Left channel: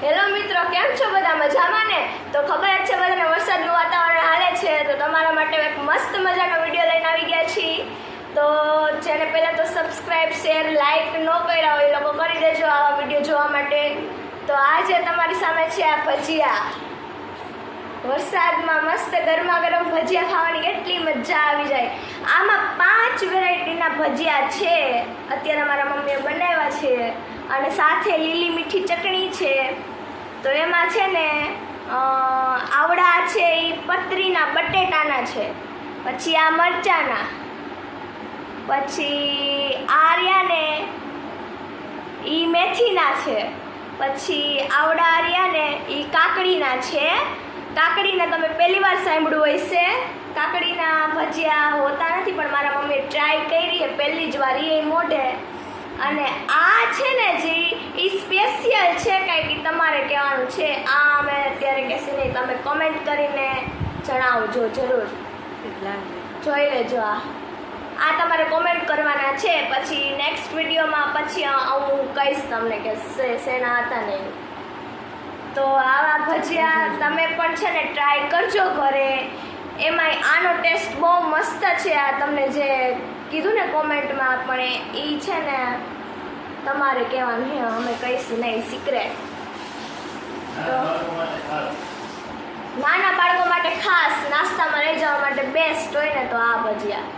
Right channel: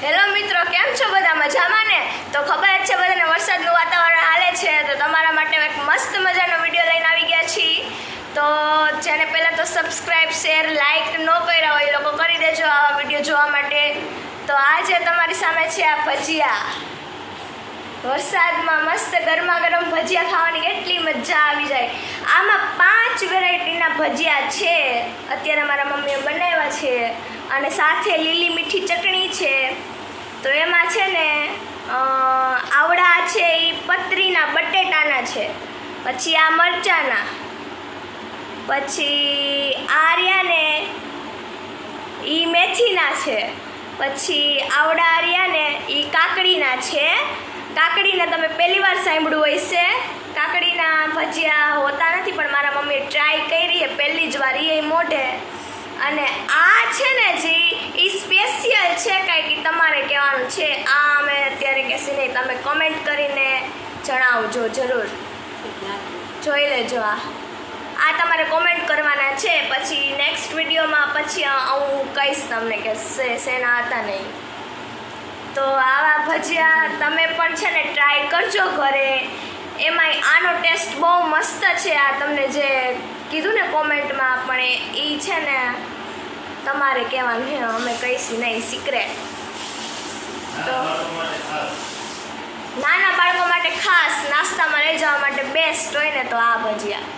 Hello મિત્રો, કેમ છો બધા? મજામાં ને? તો ખબર જ છે બધાને વરસાદનું વાતાવરણ હાલે છે, તો તમારા માટે એક મસ્ત મજાનો વીડિયો લઈને આવી ગયા છીએ તો જેને પહેલાં તો સબસ્ક્રાઈબ શેર લાઇક ન કર્યા હોય એ લોકો કરી દેજો આવા વીડિયો જોવા માટે. તો આજે તમારી સામે છે આ ભજીયા. વરસાદમાં મસ્ત ગરમા ગરમ ભજીયા ખાવાની ભજીયા છે, અત્યારે મારા મમ્મીએ બનાવ્યા છે અને સાથે લીલી મીઠી ચટણી છે. તો એમાં છે ને આવડા છે એ પતરીના, બટેટાના છે. પછી આ મરચાના. પછી આર્યાને એ મેથીના છે. પછી આવડા આર્યાને એ કાકડીના છે. કાકડીને તમે પહેલી વાર સાંભળ્યું હશે. કાકડીના ભજીયા હોતા નથી, પણ મારા મમ્મીએ ટ્રાય કરી એ પહેલી જ વાર એ મોઢે. અને આ છે ને જી એ સ્પેશિયલ છે કાંઈક તમારે કહેવાનું છે. આ અમે અત્યારે કહેશે નહીં, તમે કમેન્ટ કરીને જણાવજો જરૂર. જોઈ લેજો આ. આ તમારે કોમેન્ટ કરવાના છે, પછી નેક્સ્ટ વિડીયોમાં પછી હું કહીશ તમને કે શેના હતા નહીં. તો આવા ભજીયા તમે પણ છે ને ટ્રાય કરજો ઘરે. એમાંય આનો ટેસ્ટ બહુ મસ્ત છે આ તમને જે કીધું ને કોમેન્ટમાં, પણ એ છે ને તમારે કહેવાનું હે અમે કહીશું નહીં સિક્રેટ તો